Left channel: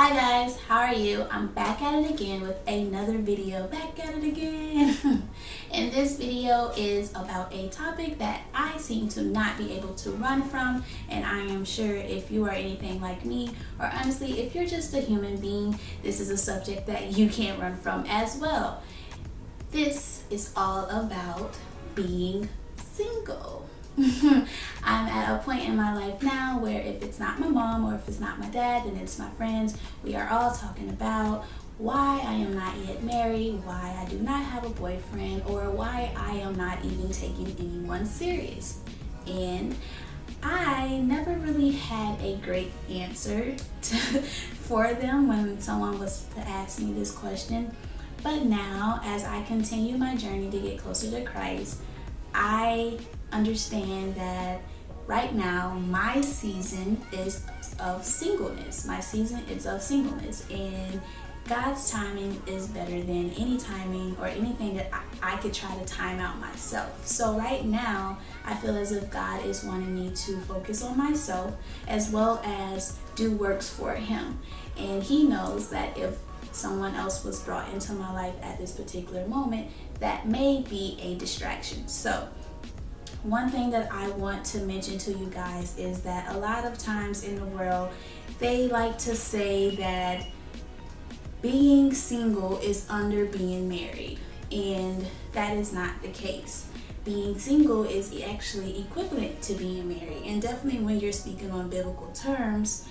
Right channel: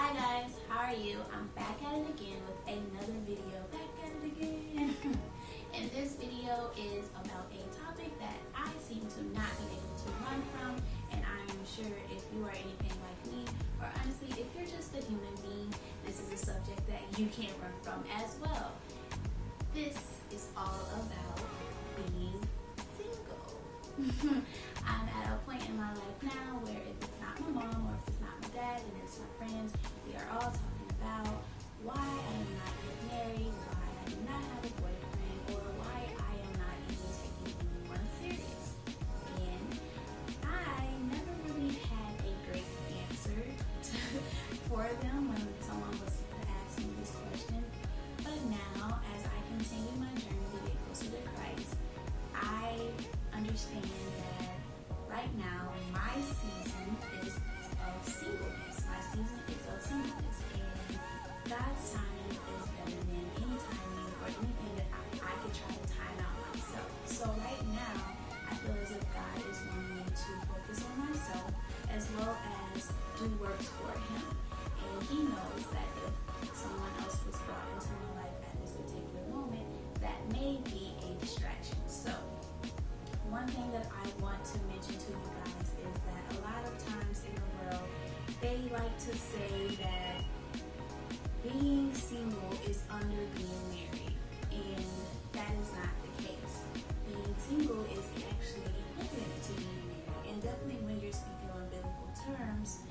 Hi guys, how are you? I'm back at it again with another video. Back at it again. And this video is about a topic that I seem to not be able to run from, and I am sure if you are anything like me, or honestly if you're just a human being, this is a subject that you can't run from as well. This is all about being single. I'm at a point in my life now where if it's not my mom or if it's not my dad, then it's my friends. We are all talking about why I am not yet married, why I do not have a boyfriend, or why I am not even taking anyone serious. And I never really had a great answer for them when someone was to ask me this question. But now, as I continue my journey to get closer to Christ, I understand that right now my season is of singleness. My season is of singleness, and God's timing is better than any timing or anything that I could try to time out myself. So right now, I feel as if God is wanting me to focus on myself as well as do works for Him. And He knows that if someone else was brought into my life at this particular moment, that may be a distraction. So one thing that I want to mention to you guys is that a lot of times in the world, they like to say that being single is under being married, and that is not the case. Being single is actually equivalent to being married, and definitely when you're speaking on biblical terms,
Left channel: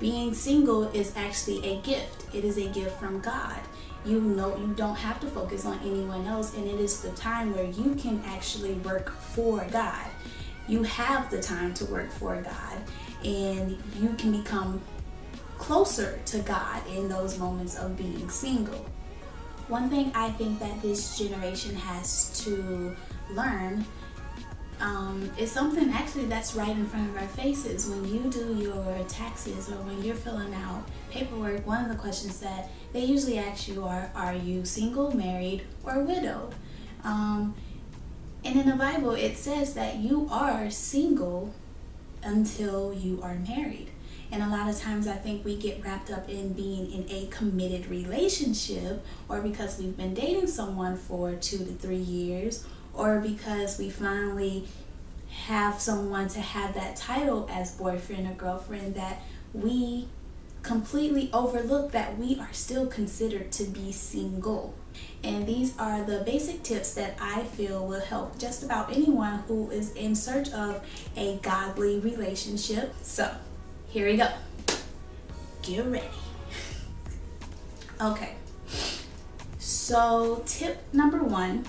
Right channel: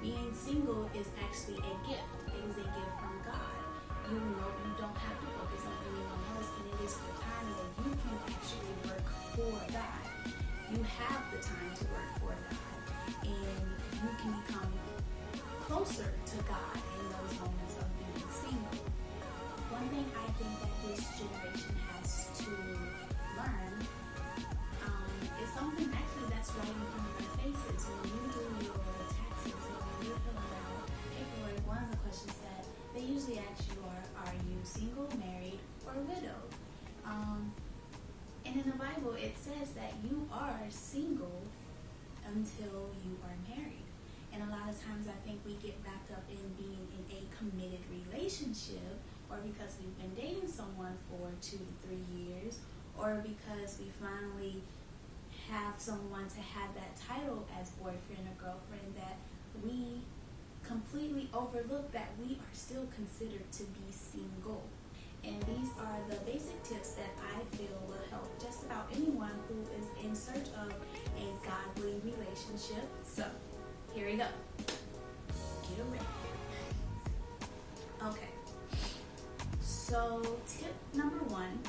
being single is actually a gift. It is a gift from God. You know, you don't have to focus on anyone else, and it is the time where you can actually work for God. You have the time to work for God, and you can become closer to God in those moments of being single. One thing I think that this generation has to learn is something actually that's right in front of our faces. When you do your taxes or when you're filling out paperwork, one of the questions that they usually ask you are you single, married, or widowed? And in the Bible, it says that you are single until you are married. And a lot of times I think we get wrapped up in being in a committed relationship, or because we've been dating someone for 2 to 3 years, or because we finally have someone to have that title as boyfriend or girlfriend, that we completely overlook that we are still considered to be single. And these are the basic tips that I feel will help just about anyone who is in search of a godly relationship. So here we go. Get ready. Okay. So tip number 1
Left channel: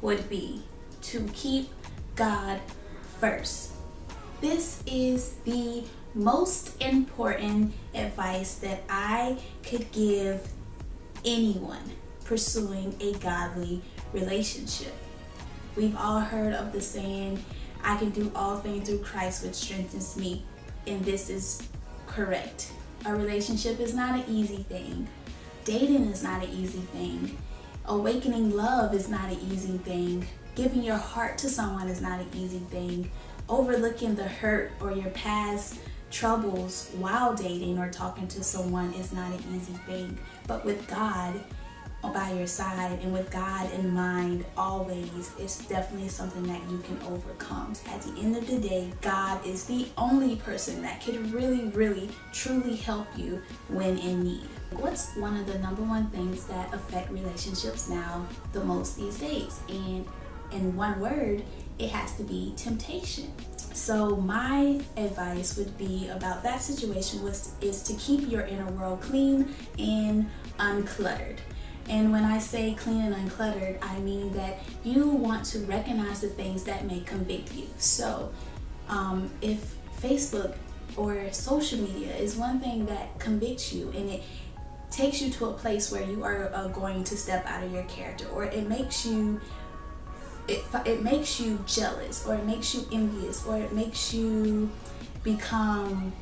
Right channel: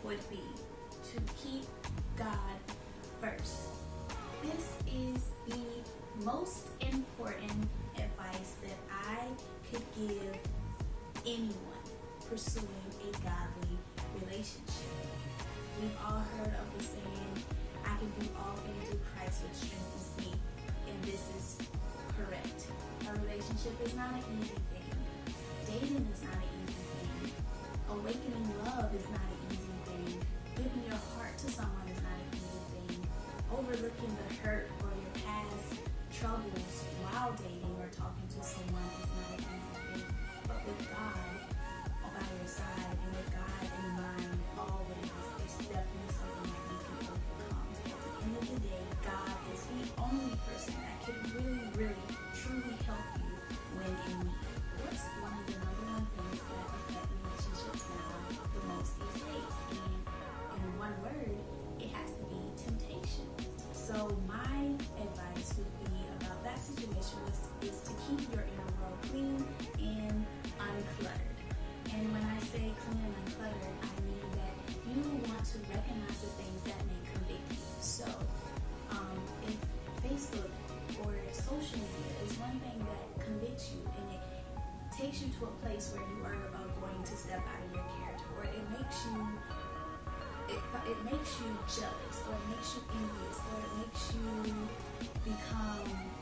would be to keep God first. This is the most important advice that I could give anyone pursuing a godly relationship. We've all heard of the saying, I can do all things through Christ which strengthens me, and this is correct. A relationship is not an easy thing. Dating is not an easy thing. Awakening love is not an easy thing. Giving your heart to someone is not an easy thing. Overlooking the hurt or your past troubles while dating or talking to someone is not an easy thing. But with God by your side and with God in mind always, it's definitely something that you can overcome. At the end of the day, God is the only person that can really, truly help you when in need. What's one of the number 1 things that affect relationships now the most these days? And in one word, it has to be temptation. So my advice would be about that situation is to keep your inner world clean and uncluttered. And when I say clean and uncluttered, I mean that you want to recognize the things that may convict you. So if Facebook or social media is one thing that convicts you and it takes you to a place where you are going to step out of your character, or it makes you jealous, or it makes you envious, or it makes you become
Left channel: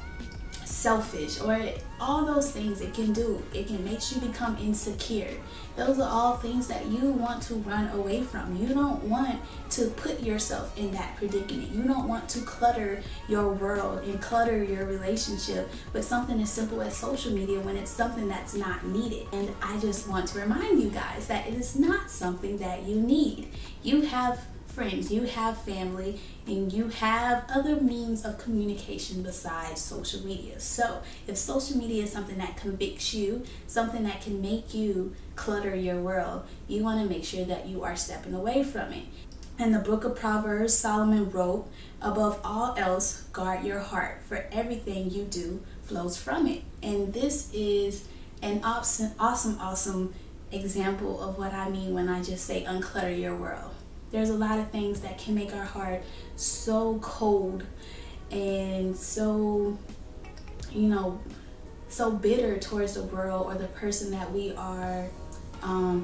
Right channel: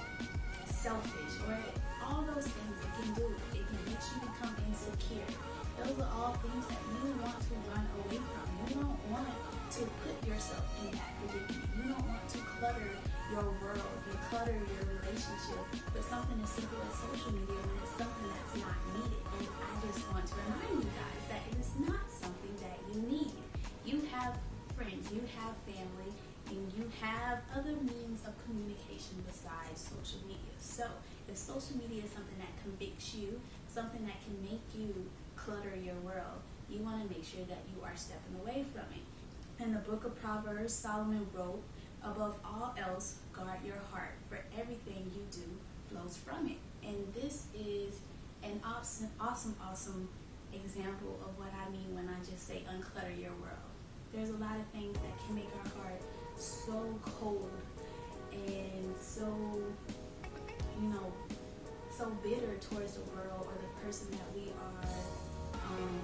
selfish, or all those things it can do. It can make you become insecure. Those are all things that you want to run away from. You don't want to put yourself in that predicament. You don't want to clutter your world and clutter your relationship with something as simple as social media when it's something that's not needed. And I just want to remind you guys that it is not something that you need. You have friends, you have family, and you have other means of communication besides social media. So if social media is something that convicts you, something that can make you clutter your world, you want to make sure that you are stepping away from it. In the book of Proverbs, Solomon wrote, "Above all else, guard your heart, for everything you do flows from it." And this is an awesome example of what I mean when I just say unclutter your world. There's a lot of things that can make our heart so cold and so, so bitter towards the world or the person that we are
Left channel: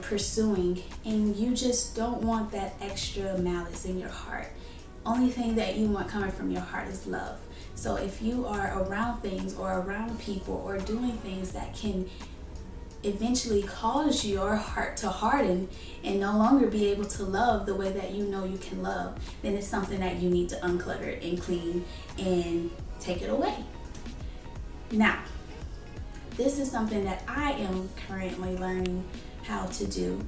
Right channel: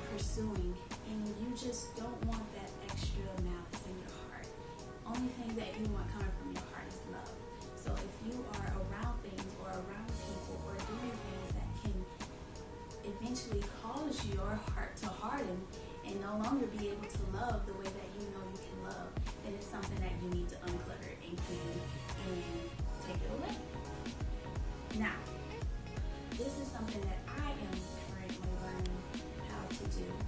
pursuing, and you just don't want that extra malice in your heart. Only thing that you want coming from your heart is love. So if you are around things or around people or doing things that can eventually cause your heart to harden and no longer be able to love the way that you know you can love, then it's something that you need to unclutter and clean and take it away. Now, this is something that I am currently learning how to do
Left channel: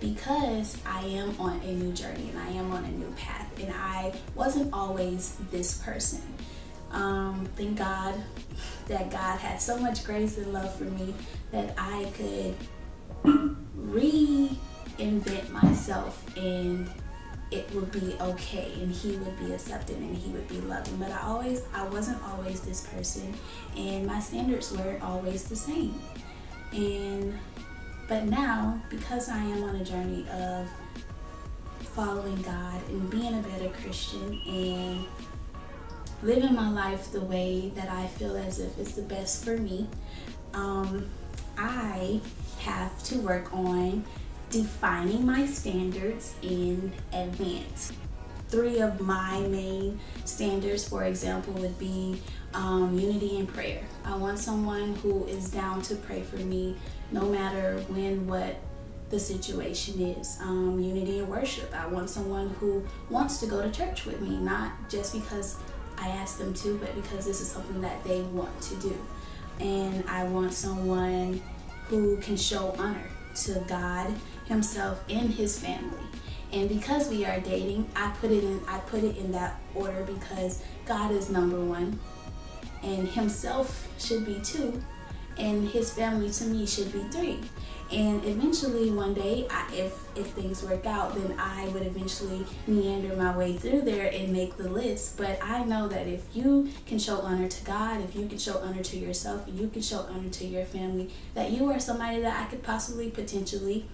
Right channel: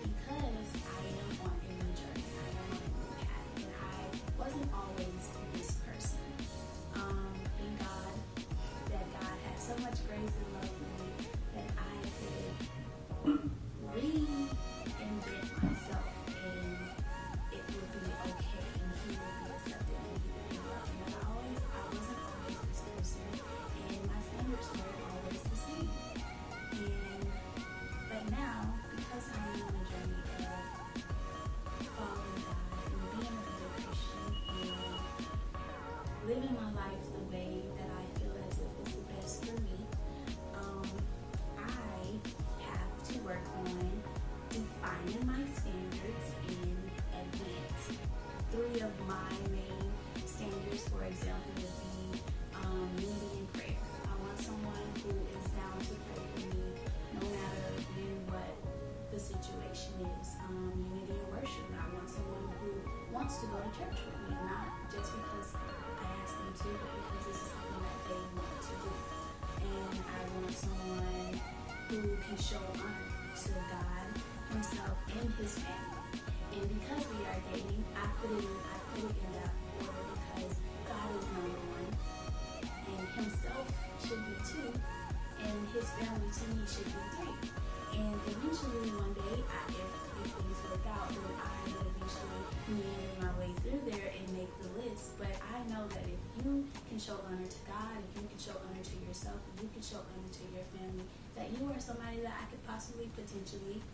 because I am on a new journey and I am on a new path, and I wasn't always this person. Thank God that God had so much grace and love for me that I could reinvent myself, and it would be okay, and he would be accepted, and he would be loving. But I wasn't always this person, and my standards weren't always the same. But now, because I am on a journey of following God and being a better Christian and living my life the way that I feel as if it's the best for me, I have to work on defining my standards in advance. 3 of my main standards, for example, would be unity in prayer. I want someone who is down to pray for me no matter what the situation is. Unity in worship. I want someone who wants to go to church with me, not just because I ask them to, but because this is something that they want to do. And I want someone who can show honor to God himself and his family. And because we are dating, I put it in that order because God is number 1, and himself should be 2, and his family to me should be 3. And eventually one day, if things work out, then I would eventually meander my way through there and make the list. But I know that if you can show honor to God, if you can show honor to yourself, and you can show honor to your family, that you are somebody that I could potentially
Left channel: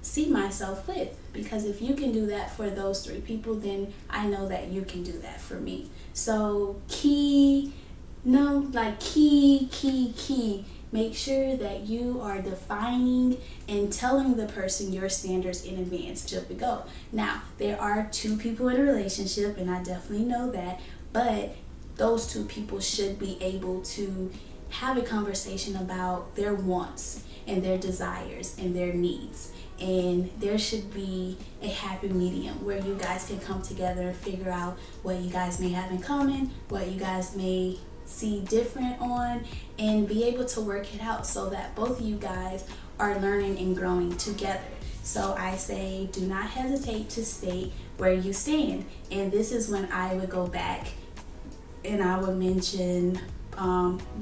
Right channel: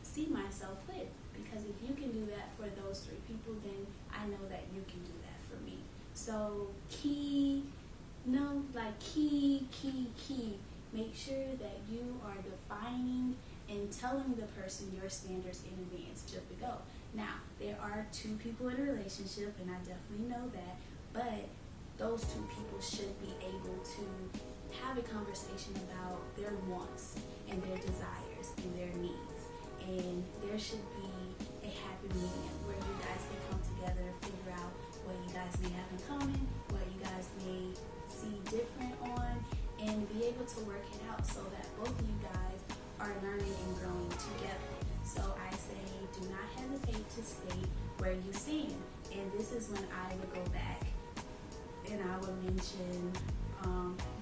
see myself with. Because if you can do that for those 3 people, then I know that you can do that for me. So key, make sure that you are defining and telling the person your standards in advance till we go. Now, there are 2 people in a relationship, and I definitely know that, but those 2 people should be able to have a conversation about their wants and their desires and their needs. And there should be a happy medium where you guys can come together and figure out what you guys may have in common, what you guys may see different on, and be able to work it out so that both of you guys are learning and growing together. So I say, do not hesitate to state where you stand. And this is when I would go back and I would mention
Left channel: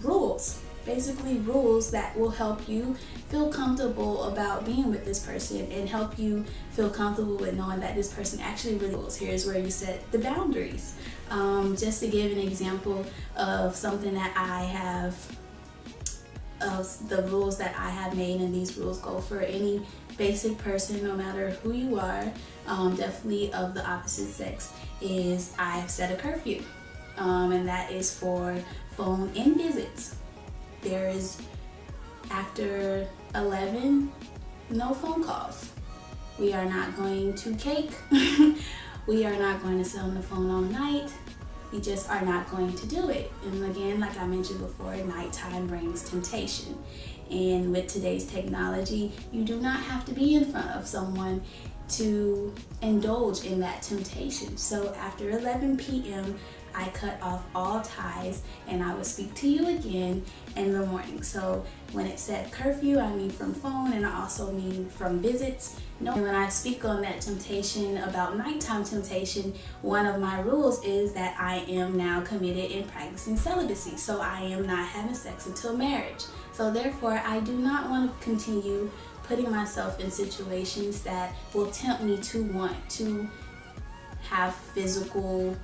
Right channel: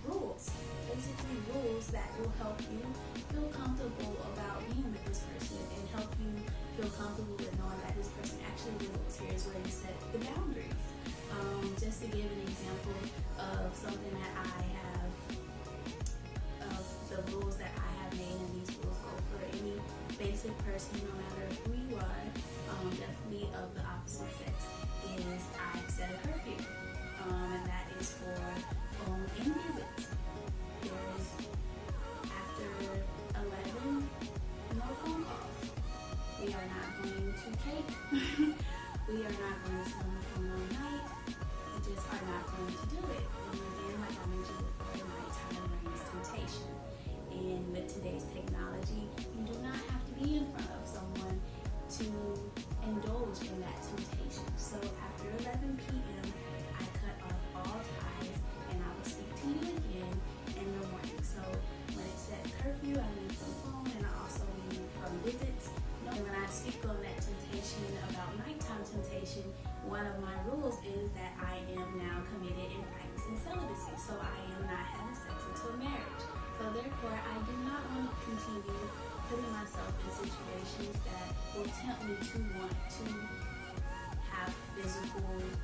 rules. Basically rules that will help you feel comfortable about being with this person and help you feel comfortable with knowing that this person actually rules. Here's where you set the boundaries. Just to give an example of something that I have, of the rules that I have made, and these rules go for any basic person, no matter who you are, definitely of the opposite sex, is I've set a curfew, and that is for phone and visits. There is, after 11, no phone calls. We are not going to cake. We are not going to sit on the phone all night. You just are not going to do it. And again, like I mentioned before, nighttime brings temptation. And with today's technology, you do not have to be in front of someone to indulge in that temptation. So after 11 p.m., I cut off all ties and I will speak to you again in the morning. So when it said curfew, I mean from phone, and I also mean from visits. No, when I speak on that temptation about nighttime temptation, one of my rules is that I am now committed in practicing celibacy. So I am not having sex until marriage. So therefore, I do not want to continue putting myself in situations that will tempt me to want to have physical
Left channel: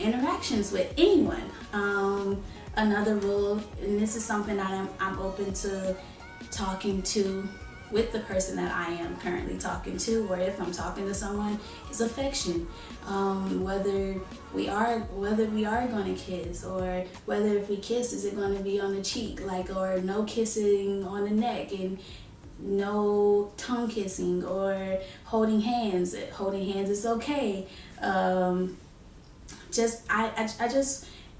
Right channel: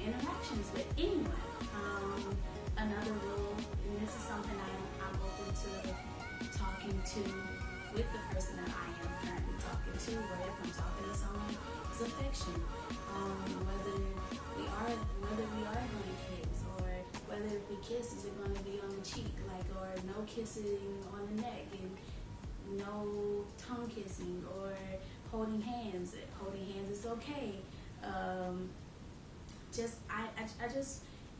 interactions with anyone. Another rule, and this is something that I'm open to talking to with the person that I am currently talking to, or if I'm talking to someone, is affection. Whether we are going to kiss, or whether if we kiss, is it going to be on the cheek, or no kissing on the neck, and no tongue kissing, or holding hands. Holding hands is okay.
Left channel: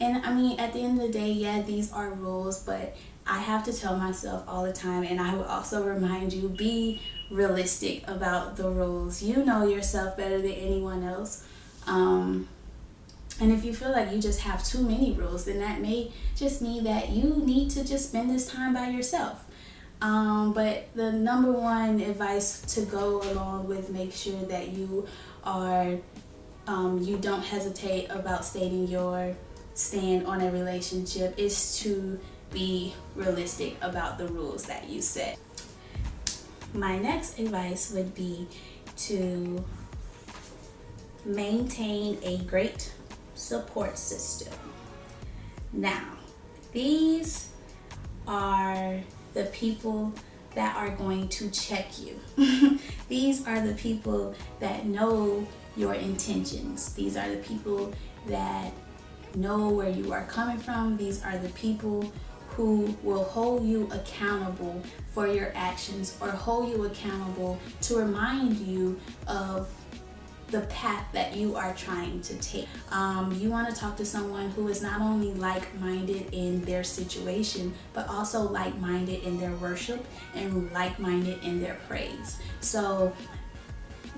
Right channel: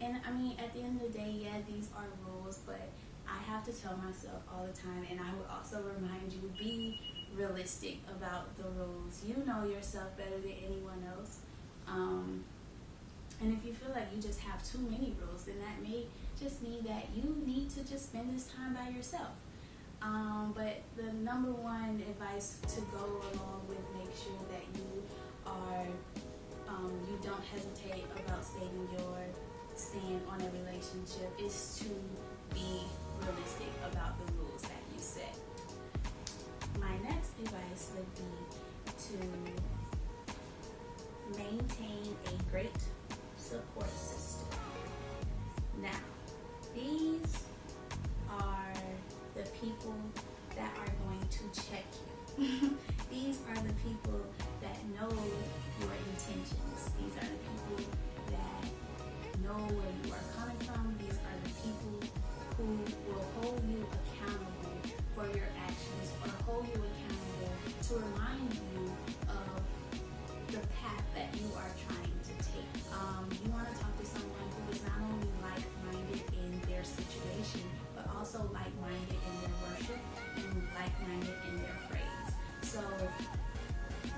And I mean, at the end of the day, yeah, these are rules, but I have to tell myself all the time, and I will also remind you, be realistic about the rules. You know yourself better than anyone else. And if you feel like you just have too many rules, then that may just mean that you need to just spend this time by yourself. But the number one advice to go along with, make sure that you are you don't hesitate about stating your stand on a relationship, is to be realistic about the rules that you set. My next advice would be to maintain a great support system. Now, these are the people that are going to check you. These are the people that know your intentions. These are the people that know where you are coming from. These are the people who will hold you accountable for your actions, or hold you accountable to remind you of the path that you are trying to take. You want to talk to someone who is not only like-minded in their situation, but also like-minded in their worship and like-minded in their praise. So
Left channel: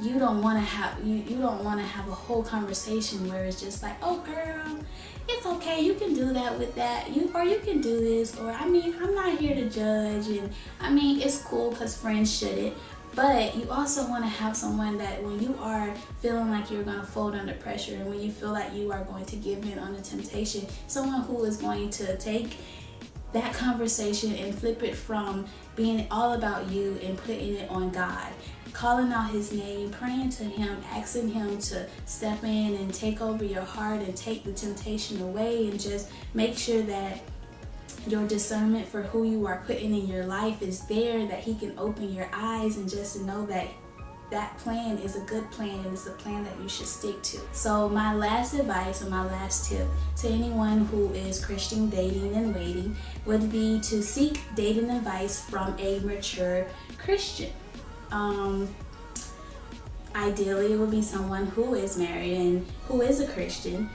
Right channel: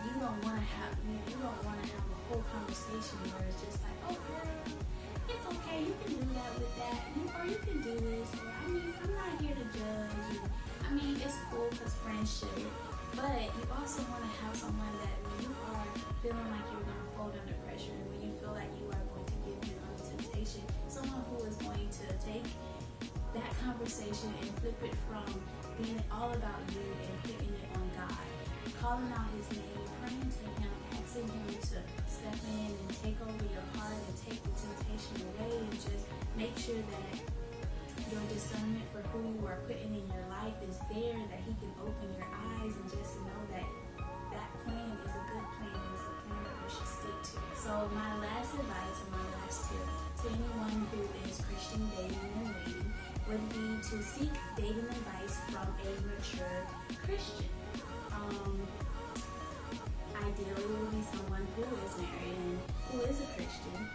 you don't want to have a whole conversation where it's just like, oh girl, it's okay, you can do that with that, or you can do this, or I mean, I'm not here to judge, and I mean, it's cool because friends shouldn't. But you also want to have someone that when you are feeling like you're going to fold under pressure, and when you feel like you are going to give in on the temptation, someone who is going to take that conversation and flip it from being all about you and putting it on God, calling out his name, praying to him, asking him to step in and take over your heart and take the temptation away, and just make sure that your discernment for who you are putting in your life is there, that he can open your eyes, and just to know that that plan is a good plan and it's a plan that you should stick to. So my last advice, or my last tip to anyone who is Christian dating and waiting, would be to seek dating advice from a mature Christian. Ideally, it would be someone who is married and who is a Christian.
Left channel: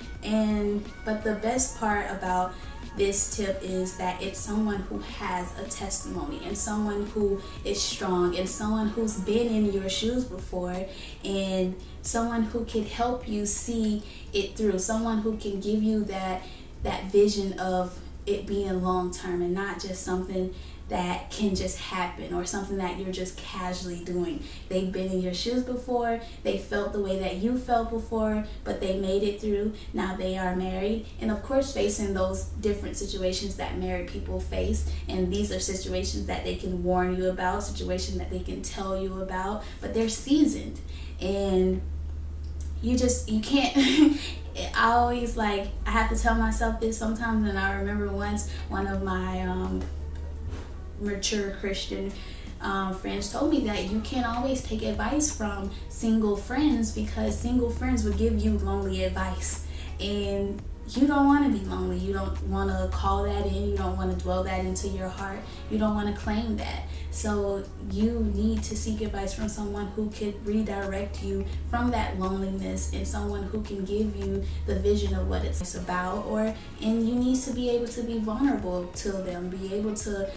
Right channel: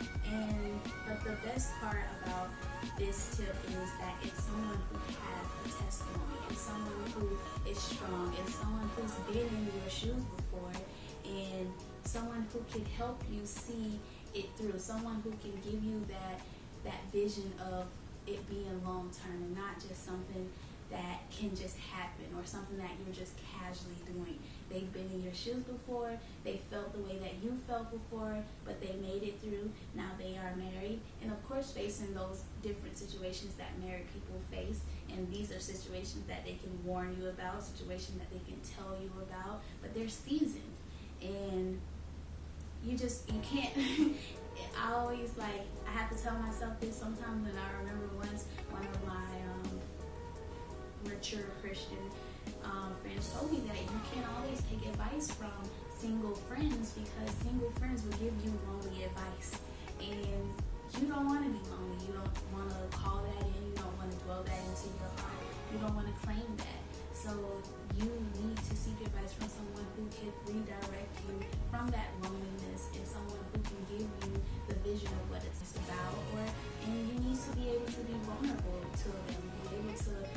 But the best part about this tip is that it's someone who has a testimony, and someone who is strong, and someone who's been in your shoes before, and someone who can help you see it through, someone who can give you that vision of it being long term and not just something that can just happen, or something that you're just casually doing. They've been in your shoes before, they felt the way that you felt before, but they made it through. Now they are married, and of course facing those different situations that married people face, and these are situations that they can warn you about, situations that they can tell you about, but they're seasoned, and you can't I have to tell myself this sometimes, and I remember once one of my mature Christian friends told me that you can't always take advice from single friends, because single friends will give you lonely advice, and you don't want to be lonely. You don't want to call that in. You don't want to dwell that into your heart. You don't want to claim that. So you need to seek advice from someone who could redirect you from that loneliness, and someone who can give you the vision of what it's about. And you need to be able to be vulnerable to them, be able to,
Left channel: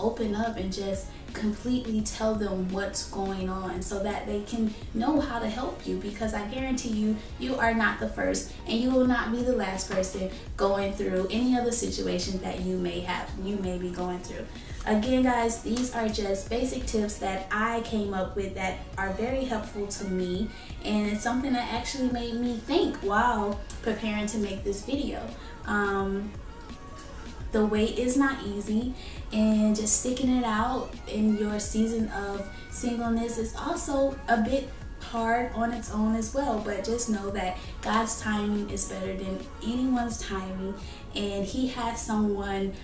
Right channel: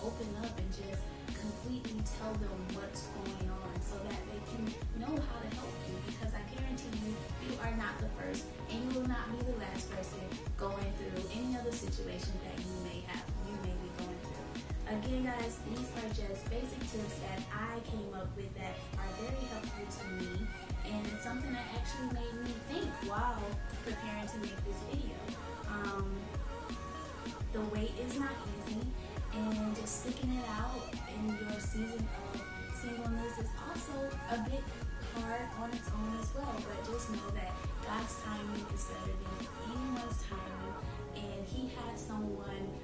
open up and just completely tell them what's going on, so that they can know how to help you. Because I guarantee you, you are not the first, and you will not be the last person going through any other situations that you may be going through. Again, guys, these are just basic tips that I came up with that are very helpful to me, and it's something that actually made me think while preparing to make this video. The wait is not easy, and just sticking it out in your season of singleness is also a bit hard on its own as well. But just know that God's timing is better than anyone's timing, and He has someone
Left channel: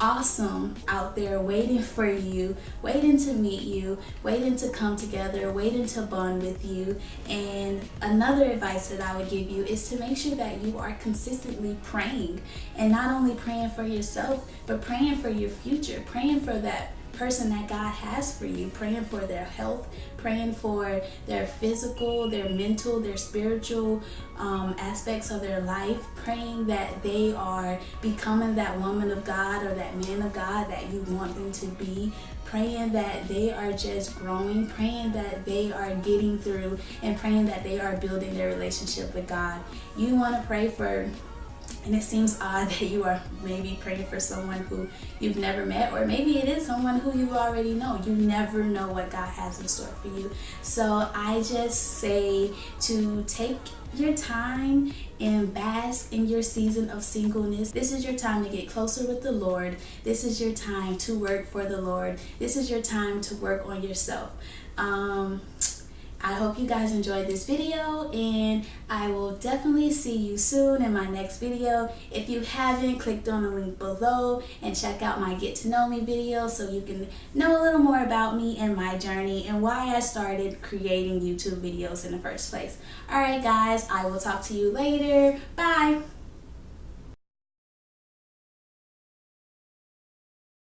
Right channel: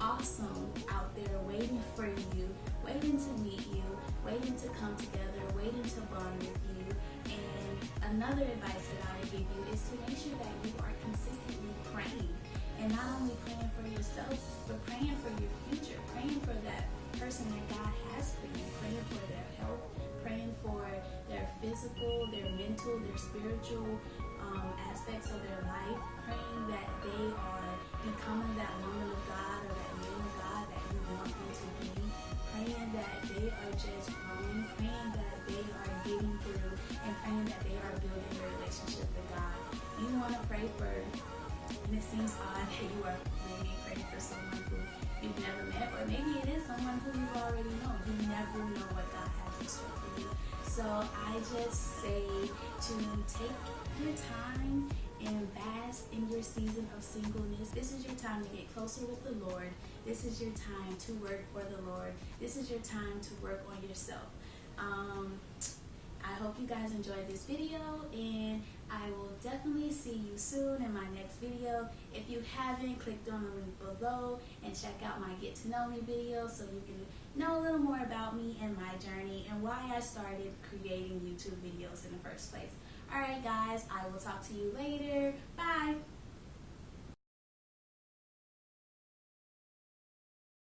awesome out there waiting for you, waiting to meet you, waiting to come together, waiting to bond with you. And another advice that I would give you is to make sure that you are consistently praying, and not only praying for yourself, but praying for your future, praying for that person that God has for you, praying for their health, praying for their physical, their mental, their spiritual aspects of their life, praying that they are becoming that woman of God or that man of God that you want them to be, praying that they are just growing, praying that they are getting through, and praying that they are building their relationship with God. You want to pray for, and it seems odd that you are maybe praying for someone who you've never met, or maybe it is someone who you already know. You never know what God has in store for you. So I just say to take your time and bask in your season of singleness. This is your time to get closer with the Lord. This is your time to work for the Lord. This is your time to work on yourself. I hope you guys enjoyed this video, and I will definitely see you soon in my next video. If you haven't, clicked on the link below and check out my Get to Know Me video so you can know a little more about me and my journey and why I started creating YouTube videos in the first place. Alright guys, I will talk to you later. Bye!